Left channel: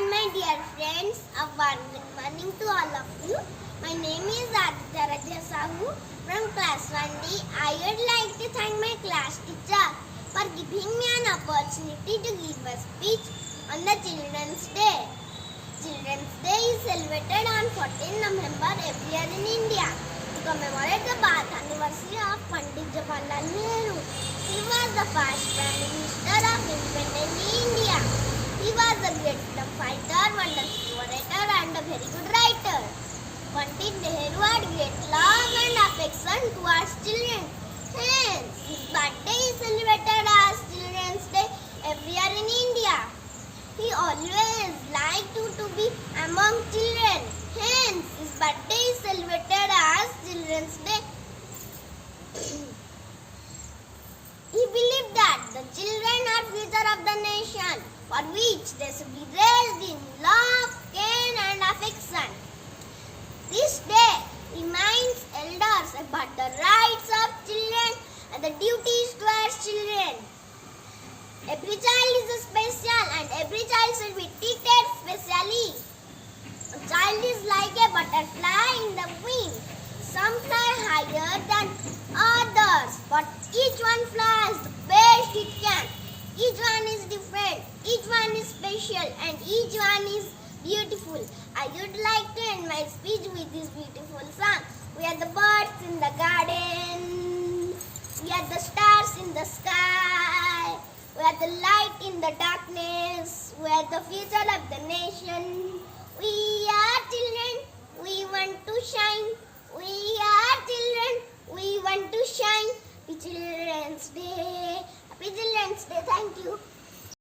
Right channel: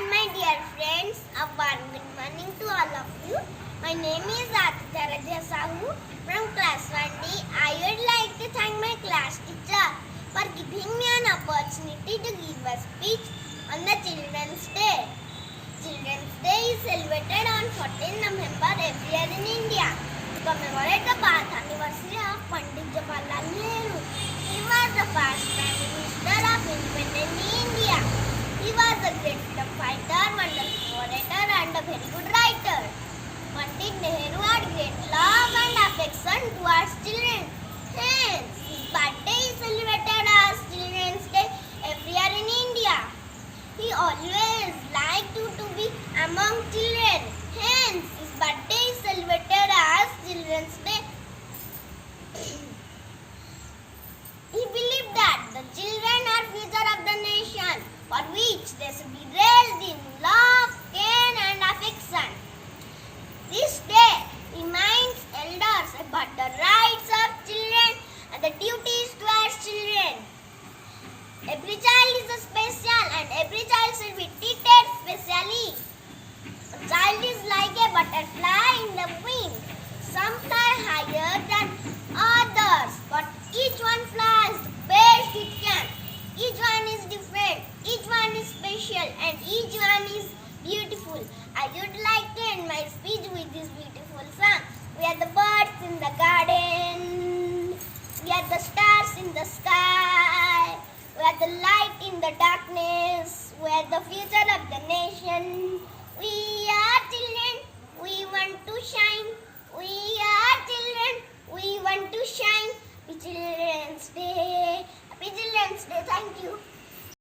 and my dear friends, a warm good morning to all of you. My name is Aditi from class 1D. I would like to thank my class teacher for giving me an opportunity to give a speech on the Children's Day. Children's Day is celebrated on 14 November every year in India to commemorate the birth anniversary of Pandit Jawaharlal Nehru. He was the first Prime Minister of independent India. He was a great freedom fighter, wonderful orator and a very good writer. Pandit Nehru had great love and affection towards children. Hence, his birthday is celebrated as Children's Day every year in India. He always liked to be among children. Hence, his birthday is celebrated as Children's Day. He believed that the children are future of the nation, for which they should be raised in love, care and affection. This day reminds elders about the rights of children and the duties towards children. Every child is special and every child should be treated specially. A child is like a butterfly in the wind. Some fly higher than others, but each one flies the best it can. Each one is different, each one is special, and each one is beautiful. I would like to end my speech with this beautiful song. We are the birds in the garden, we are the stars in the sky, we are the light in the darkness, we are the future of the nation. We are children, we want to shine. We are children, we want to shine. Happy Children's Day. Happy Children's Day. Thank you.